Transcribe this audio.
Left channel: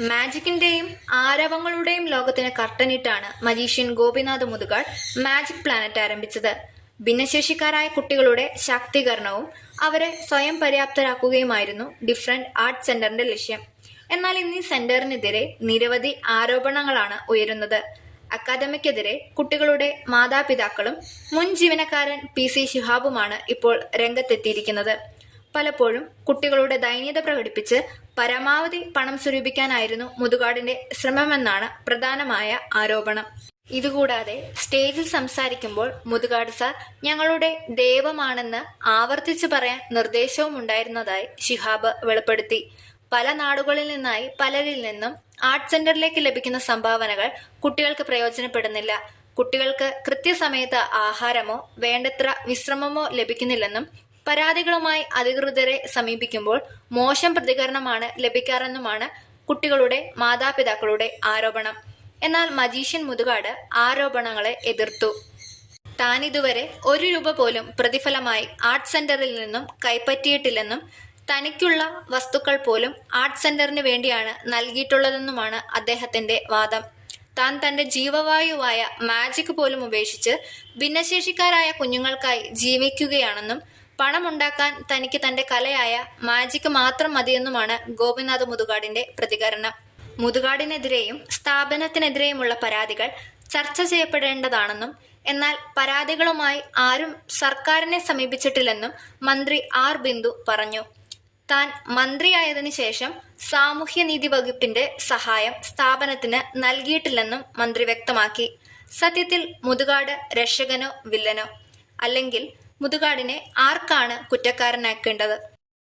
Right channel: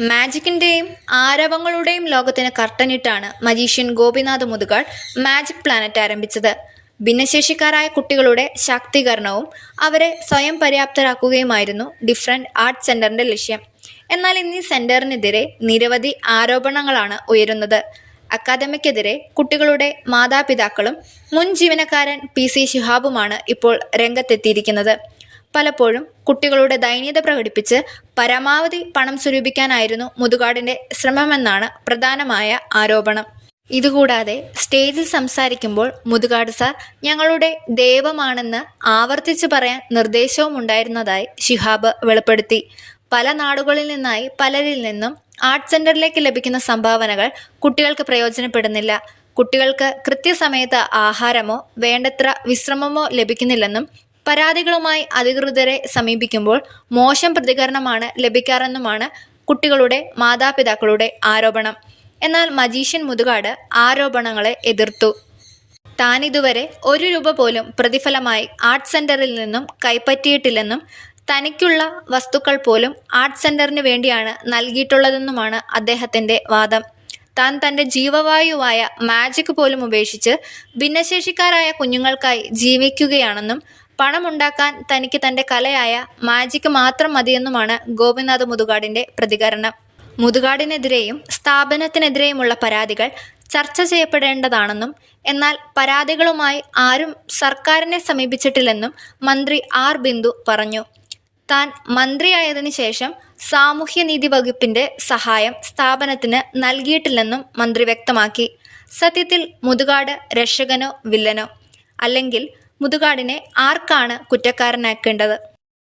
മാജിക്കിന്റെയും ആരവങ്ങളുടെയും ലോകത്തിന് കർട്ടനിട്ടാണ് magician Gopinath Muthukad magic planet ആരംഭിച്ചത്. ഭിന്നശേഷിക്കാരായ കുട്ടികളുടെ ശാക്തീകരണവും അവരെ സ്വയം പര്യാപ്തരാക്കുകയുമായിരുന്നു ഡിഫറൻറ്റ് ആർട്സ് സെന്ററിന്റെ ലക്ഷ്യം. എന്നാൽ ഇന്ന് ഈ സെന്ററിനെതിരെ നിരവധി ആരോപണങ്ങളാണ് ഉയരുന്നത്. അക്കാദമിക്കെതിരെ കുട്ടികളുടെ മാതാപിതാക്കളും മുൻ ജീവനക്കാരൻ PC ശിഹാബുമാണ് ഇപ്പോൾ രംഗത്തെത്തിയിരിക്കുന്നത്. പലപ്പോഴും കുട്ടികളുടെ ദൈന്യത പ്രകടിപ്പിച്ച് പരമാവധി പണം സ്വരൂപിക്കാനായിരുന്നു മുതുകാടിന്റെ ശ്രമമെന്നാണ് പ്രധാനമായ ആരോപണം. ഇതുകൂടാതെ സ്റ്റേജിൽ സംസാരിക്കുമ്പോൾ മുതുകാട് സാർ ഞങ്ങളുടെ ദൈവമാണെന്ന് ആവർത്തിച്ച് പറയാൻ നിർദ്ദേശവും ഉണ്ടായിരുന്നതായി ശിഹാബ് വെളിപ്പെടുത്തി. പല നാടുകളിൽ നിന്നായി പലരിൽ നിന്നും ആർട്ട് സെന്ററിലേക്ക് ലഭിക്കുന്ന സംഭാവനകൾ കുട്ടികൾക്ക് പ്രയോജനപ്പെടുന്നില്ല. കുട്ടികൾക്ക് കൃത്യസമയത്ത് ആഹാരമോ വേണ്ടത്ര വിശ്രമമോ ലഭിക്കുന്നില്ലെന്നും പരാതികളുമായി അധികൃതരെ സമീപിക്കുമ്പോൾ മോശം പ്രതികരണമാണ് ലഭിക്കാറെന്നുമാണ് കുട്ടികളുടെ മാതാപിതാക്കളുടെ ആരോപണം. എന്നാൽ മജീഷ്യൻ മുതുകാട് ആരോപണങ്ങളെ എതിർത്തു. താനിതുവരെ ₹1 പോലും പ്രതിഫലമായി ആർട്ട് സെന്ററിൽ നിന്നും കൈപ്പറ്റിയിട്ടില്ലെന്നും തനിക്കുള്ള വസ്തുക്കൾ പോലും ആർട്ട് സെന്ററിന് വേണ്ടിയാണ് നൽകിയിട്ടുള്ളതെന്നുമാണ് അദ്ദേഹത്തിന്റെ വാദം. താൻ തന്റെ ജീവവായുവായ മാജിക് പോലും ഉപേക്ഷിച്ച് ഭിന്നശേഷിക്കാരായ കുഞ്ഞുങ്ങൾക്കായി ജീവിക്കുകയാണെന്നും പണമുണ്ടാക്കാൻ തനിക്ക് തന്റെ കലയായ മാജിക് മാത്രം മതിയെന്നുമാണ് ഗോപിനാഥ് മുതുകാടിന്റെ പ്രതികരണം. മുതുകാടിനെതിരെയും സ്ഥാപനത്തിനെതിരെയുമുള്ള പരാതികൾ ചർച്ച ചെയ്യപ്പെടേണ്ടതാണെന്നും എന്നാൽ പരാതികളുമായി ആരും സർക്കാരിനെ സമീപിച്ചിട്ടില്ലെന്നും മന്ത്രി R ബിന്ദു പറഞ്ഞു. താൻ മന്ത്രിയായതിനു ശേഷം സാമൂഹ്യനീതി വകുപ്പിന്റെ സഹായം സ്ഥാപനത്തിന് നൽകിയിട്ടില്ലെന്നും മന്ത്രി വ്യക്തമാക്കി. സത്യത്തിൽ മുതുകാട് രക്ഷകനോ വില്ലനോ? അല്ലെങ്കിൽ മുതുകാടിനെ ആർക്കാണ് കുറ്റക്കാരനാക്കേണ്ടത്?